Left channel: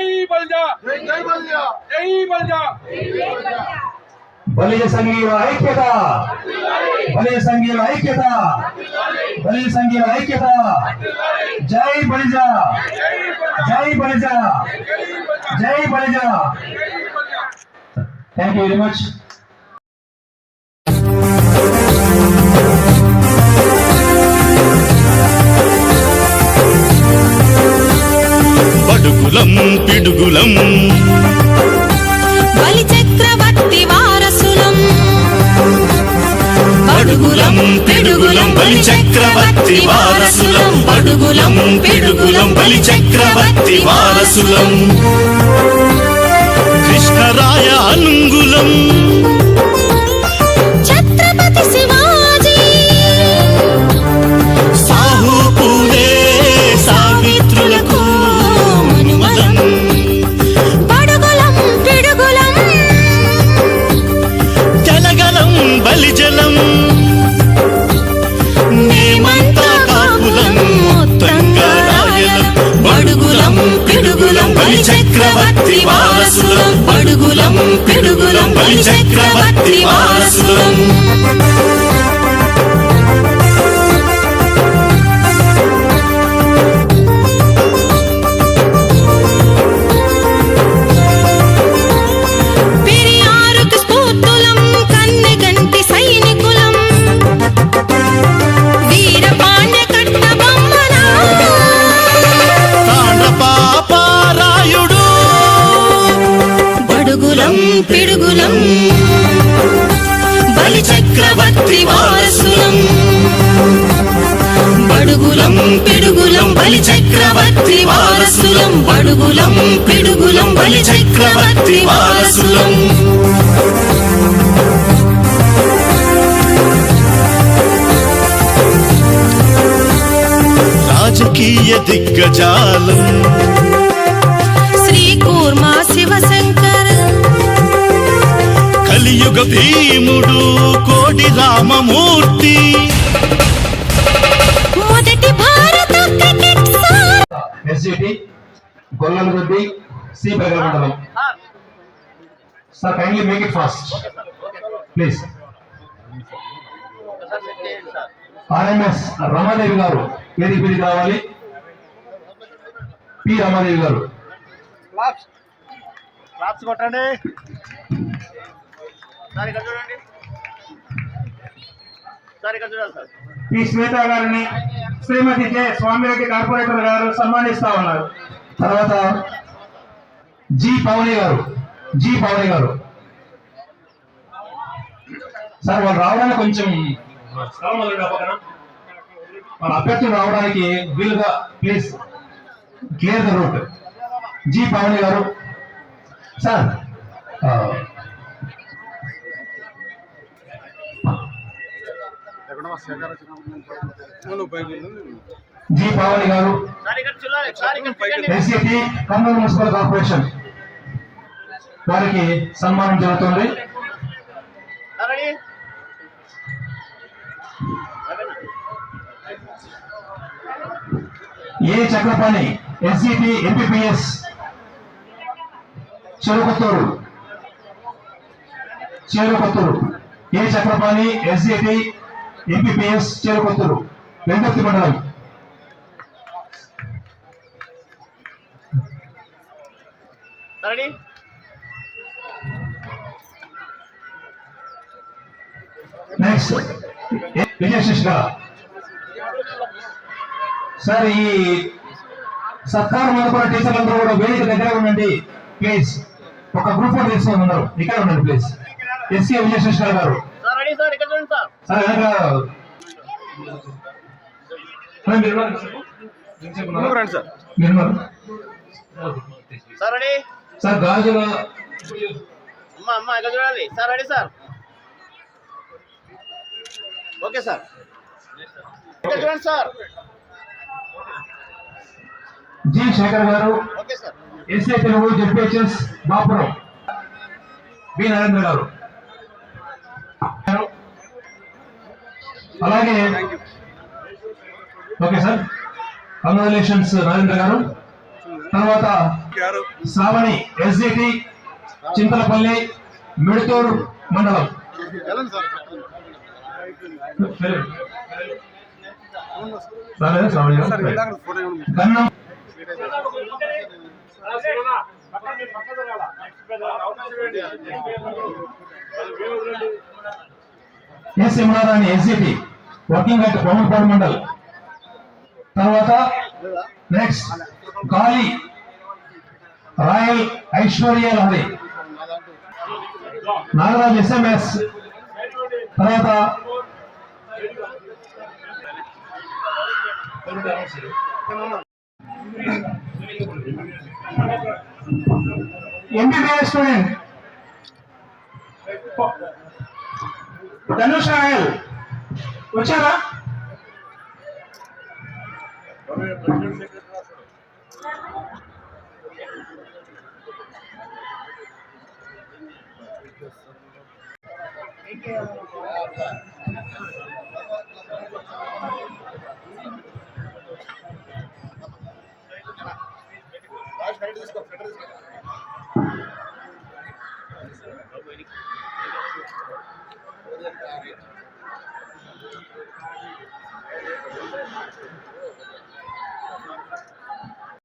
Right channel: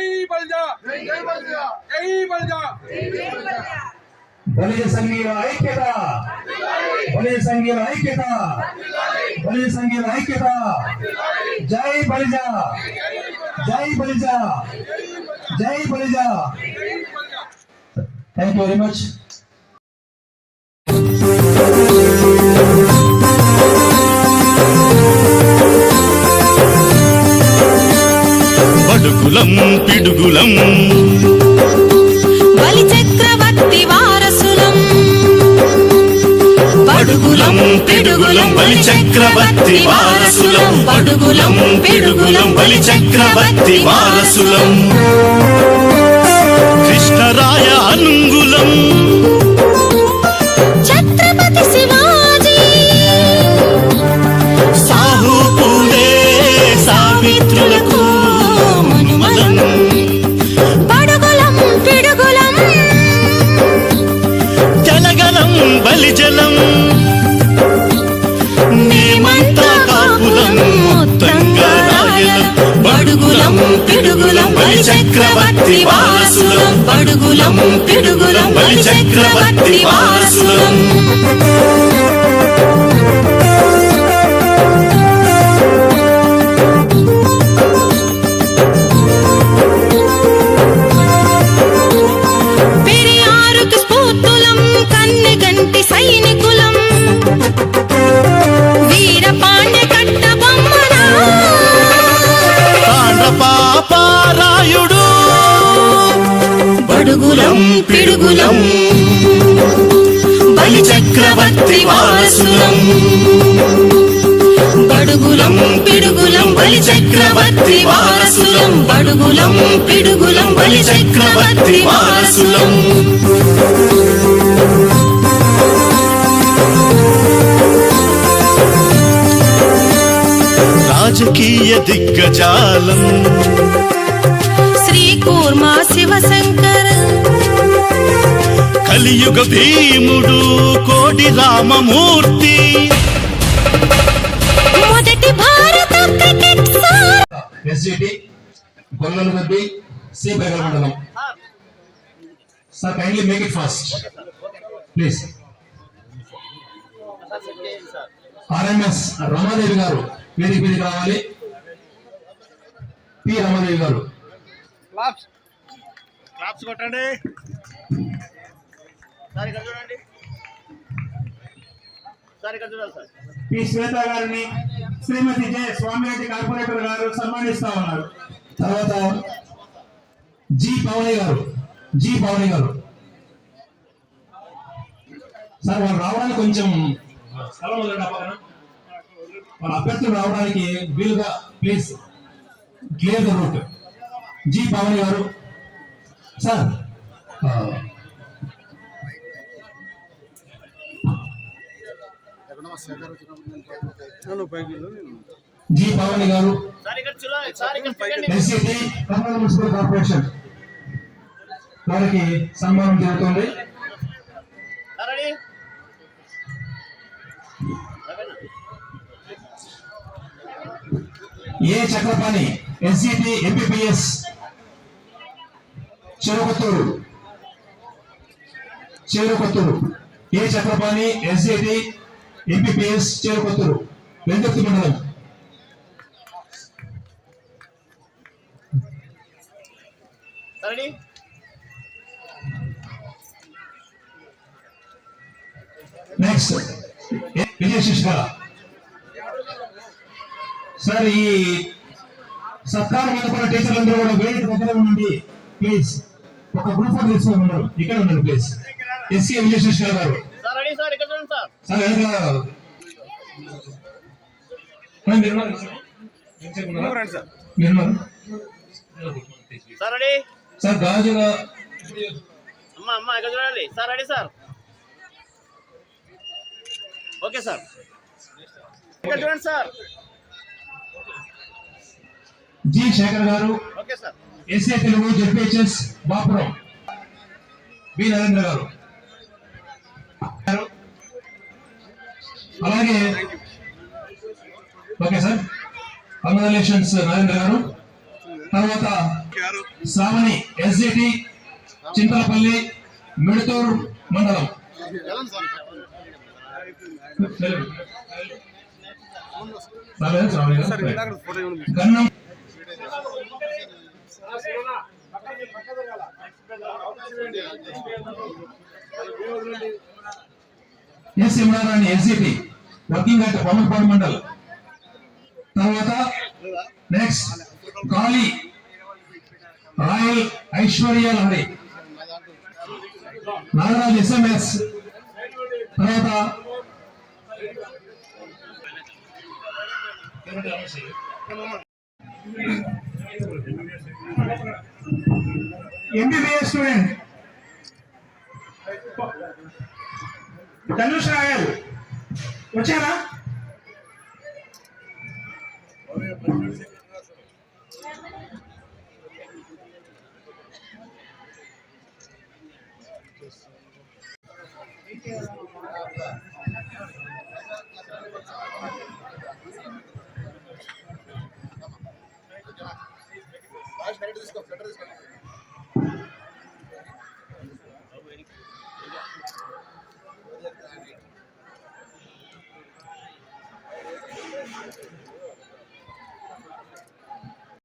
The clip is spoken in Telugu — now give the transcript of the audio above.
भले संगी जय बलजा जय बलजा बलिज संगीर ऐक्यता। बलिज संगीर ऐक्यता। बलिज संगीर ऐक्यता। जय बलिजा जय बलिजा जय Balija thank you very much బడుగులం పిడుగులం. బలి చక్రవర్తి వారసులం. బడుగులం పిడుగులం బలి చక్రవర్తి వారసులం. బడుగులం పిడుగులం బలి చక్రవర్తి వారసులం. కృష్ణరాయ అనుంగులం. జలం. మేమంతా కాపులం మొత్తంగా రాయలం బడుగులం పిడుగులం బలి చక్రవర్తి వారసులం. బడుగులం పిడుగులం బలి చక్రవర్తి వారసులం. పిడుగులం. బలి చక్రవర్తి వారసులం. బడుగులం పిడుగులం బలి చక్రవర్తి వారసులం. బడుగులం పిడుగులం బలి చక్రవర్తి వారసులం. రాజకీయ దిగ్గజాలం. శ్రీ కూర్మా శివశంకర. కలియుగ భీముడు కోడి రామమూర్తి. మొదటి భారత cricket sir. SGT Golladoddi C beggar మండలం sir kindly make it fast please RMS Ramadevi garu వేదిక మీదకి రావాలి పి రమాదేవి గారు. క్లాప్స్ కొట్టండి. సార్ ఇక్కడ చూడండి. సార్ ఇక్కడ సార్. శ్వేత గారిని శ్రీమతి జె. స్వామిరెడ్డి కార్పొరేటర్ గారు సన్మానిస్తా ఉన్నారు. తర్వాత జి. పవని గారు జి. పవని గారు. సార్ వాళ్ళు రావడానికి కొంచెం వాళ్ళ అభ్యర్థులు రావడానికి వీలుగా please clear the route. G. Pavani garu. Sir G Pavani గారు ఎస్సిటి కర్నూలు మున్సిపల్ కార్పొరేషన్ వారికి సన్మానం జరుగుతుంది. A Chakrapani SCT MPPS Cherukothur Cherukothur. A Chakrapani SCT MPPS Cherukothur Venkarthi మండలం. సార్ నెక్స్ట్ సార్ ఈ సత్కార మండపల టీచర్లందరూ కూడా వేదిక దగ్గర ఉండండి. ప్లీజ్ ఒక గ్రూప్ ఫోటో తీసుకొని ఉన్నారు. ఇక్కడ ఉండండి ప్లీజ్ ఎస్సీ విజయశిష్క గారు. సార్ గాజుల అమ్మ ఇక్కడ చూడాలి sir ready sir okay sir ఇక్కడ చూడండి sir G Shekhar garu okay sir SA Telugu ZPHS Bapuram B Narendra garu అలాగే ఓకే సార్. కంగ్రాచులేషన్స్ నరేంద్ర గారు. తర్వాత శ్రావణి ఎస్జిటి చింతలపల్లి మిడుతూరు మండలం? Gannam. S Imran SGT working at Pavanpadu mandal. తర్వాత నెక్స్ట్ గాలి రాయల్ ఐశ్వర్య లహరి నాగరాజ్ ఎస్ఎంఎస్ తర్వాత ఎంబీబీఎస్ స్టూడెంట్ ధనుష్ రాయల్ వచ్చారా